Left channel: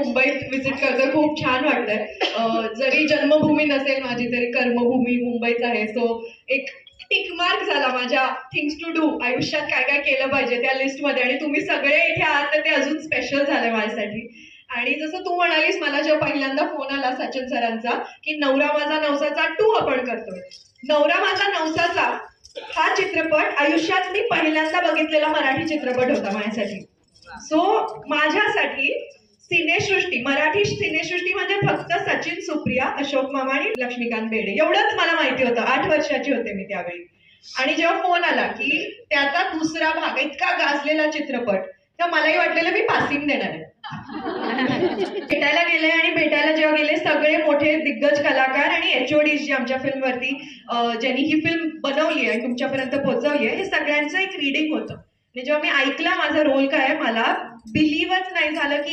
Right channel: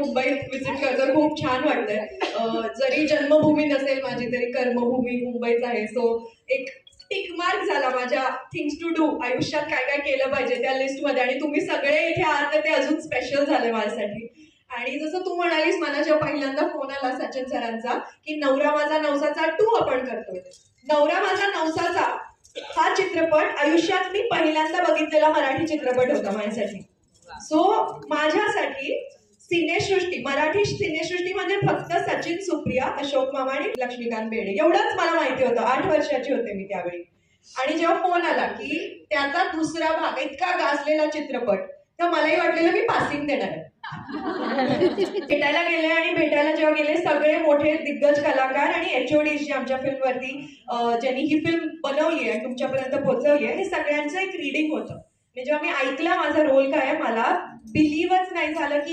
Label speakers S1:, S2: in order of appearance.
S1: मुंबईत विजिट करतो खूप छान वाटतंय जरी जन्मभूमी नसेल माझी तरी कर्मभूमी मुंबईच आहे. सो एक टिक मार्क झाला माझ्या थिंग्स टू डू आयुष्यात काय काय केलं पाहिजे त्या लिस्टमध्ये आणि तुम्ही सगळे इथे आहात तर ते अजून स्पेशल झाले माझ्यासाठी. आणि जसं तू म्हणालीस मला जेव्हा पहिल्यांदा फोन आला सचिन सरांचा की नवरा माझा नवसाचा टू आपण करतोय. नवरा माझा नवसाचा हा चित्रपट आयुष्यात मी पहिल्यांदा बघितलेला मराठी चित्रपट होता माझ्यासाठी. सो माझ्यासाठी सिनेसृष्टी मराठी सिनेसृष्टी म्हणजे फक्त सचिन सुप्रिया अशोक मामा आणि लक्ष्मीकांत बेडे एवढंच मला माहिती होतं. आठ वर्षाची होते मी त्यावेळी. आणि जेव्हा फोन आला की त्याचा दुसरा भाग इतका गाजलेला चित्रपट तर मलाही वाटलेलं मी पासिंग देणार आहे. भेटायला गेले आणि भेटायला जेव्हा गेले सगळे मोठे दिग्गज कलाकार आणि एचओडी जी आमच्या फिल्मवरती ज्यांनी ही फिल्म बनवली आहे तुमच्यापर्यंत पोहोचवली आहे हे सगळ्यांचं एक रिडिंग होतं. जेव्हा मी ऐकलं माझा रोल काय आहे मला बिलीव्हच नाही झालं की